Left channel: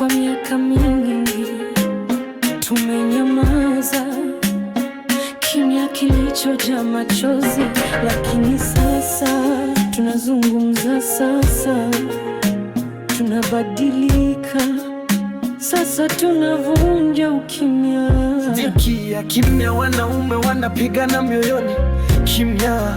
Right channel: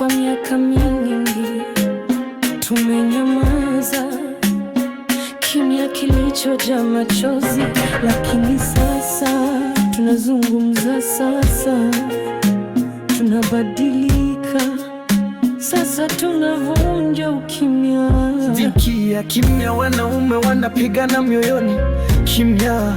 Kwa miaka mingi tumenyamaza, kimya kilichojaa machozi, lakini sasa tunazungumza, sasa tunabadilika, sasa tunavunja ukimya. Dhiki ya kimya, wanaume wanapigana mioyoni, kimya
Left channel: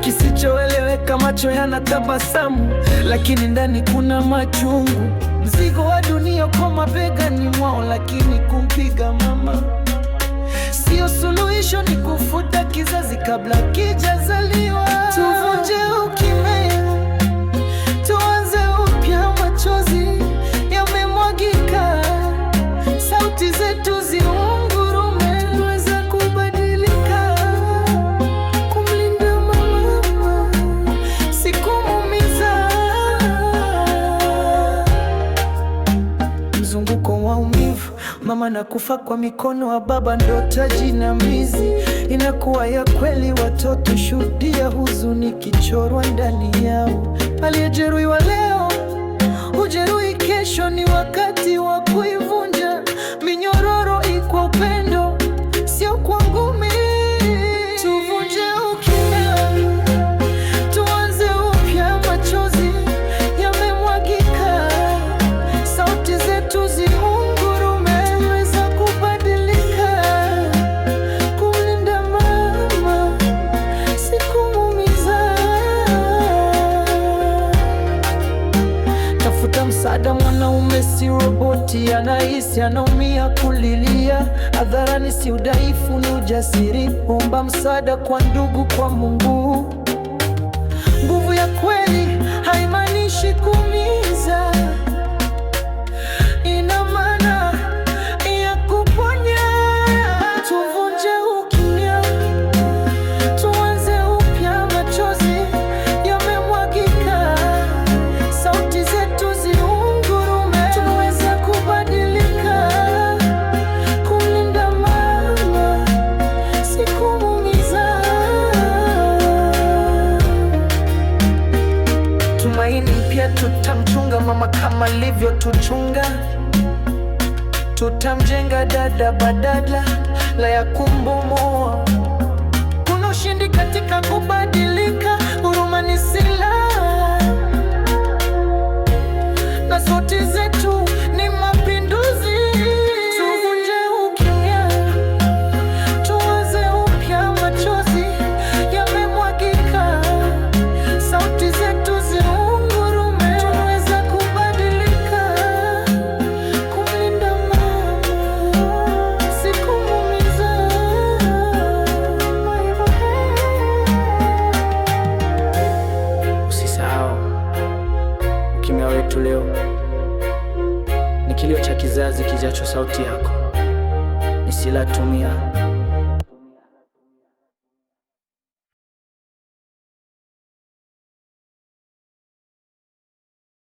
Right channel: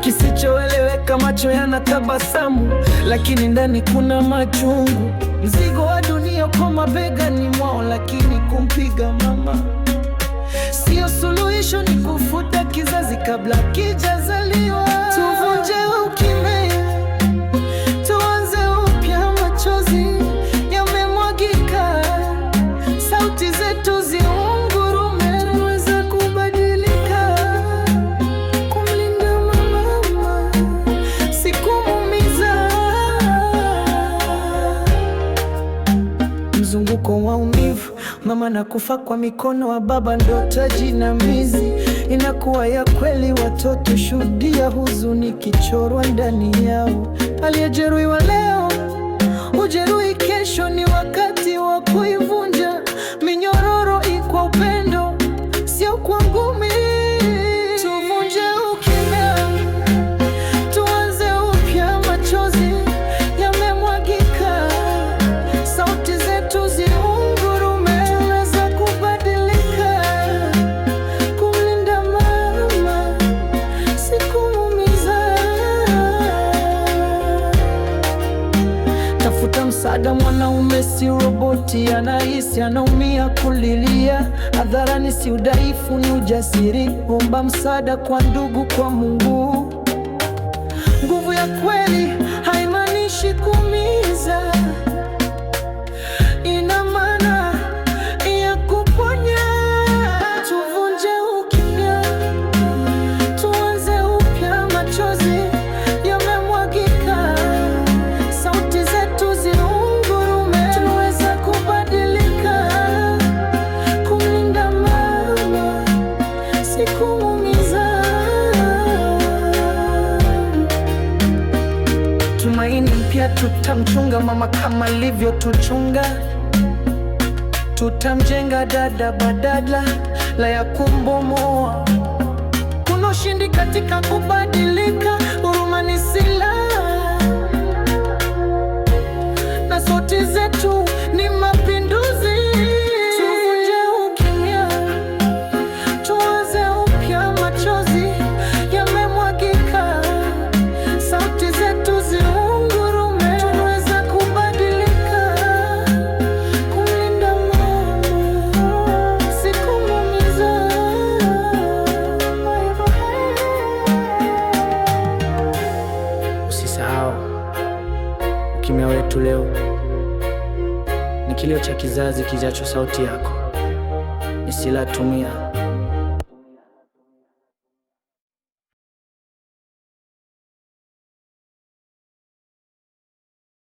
kisichoeleweka, macho yanatabasamu, lakini ndani kuna machungu. Mzigo wa dunia kwa mabegani mwao, lakini kumpiga mama sio suluhisho, ni kufuta kizazi kabla kijazaliwa. Tuvunje ukimya, tuanze upya, machozi yamemwagika, sauti zetu ziungurume, tunaweza kubadilika, kumlinda mama, si kumuumiza. Mzunguko wa maumivu, mama nakufa kwa mikono wa baba, ndo taji na mizi inakuwa ya kweli. Watoto shuhudia huzuni kichorwa ndani yao. Aliyejeruhiwa leo hujeruhi kesho, ni wakati wa kuivunja minyororo kwa upendo, sio kwa ngumi. Tuvunje ukimya, tuanze upya, machozi yamemwagika, sauti zetu ziungurume, tunaweza kubadilika, kumlinda mama, si kumuumiza. Tafuta msaada, mwanaume si roboti, anahisi, anaumia, kulilia hadharani si udhaifu, ni ujasiri. Omba msaada kwa ndugu, kwa Mungu. Nguvu ya kweli haimaanishi kuumiza, ina maana ya kuponya. Tuvunje ukimya, tuanze upya, machozi yamemwagika, sauti zetu ziungurume, tunaweza kubadilika, kumlinda mama, si kumuumiza. Tumaini mpya, tutamchunga mama kama alivyotuchunga, tutamjenga dada badala ya kumbomoa. Kuna ushindi katika kubadilika, huruma ni silaha, na sauti zetu ni mapinduzi. Tuvunje ukimya, tuanze upya, machozi yamemwagika, sauti zetu ziungurume, tunaweza kubadilika, kumlinda mama, si kumuumiza. Usisahau, ukimya wetu leo ni kilio cha kizazi kijacho. Sauti yako ni silaha, tumia.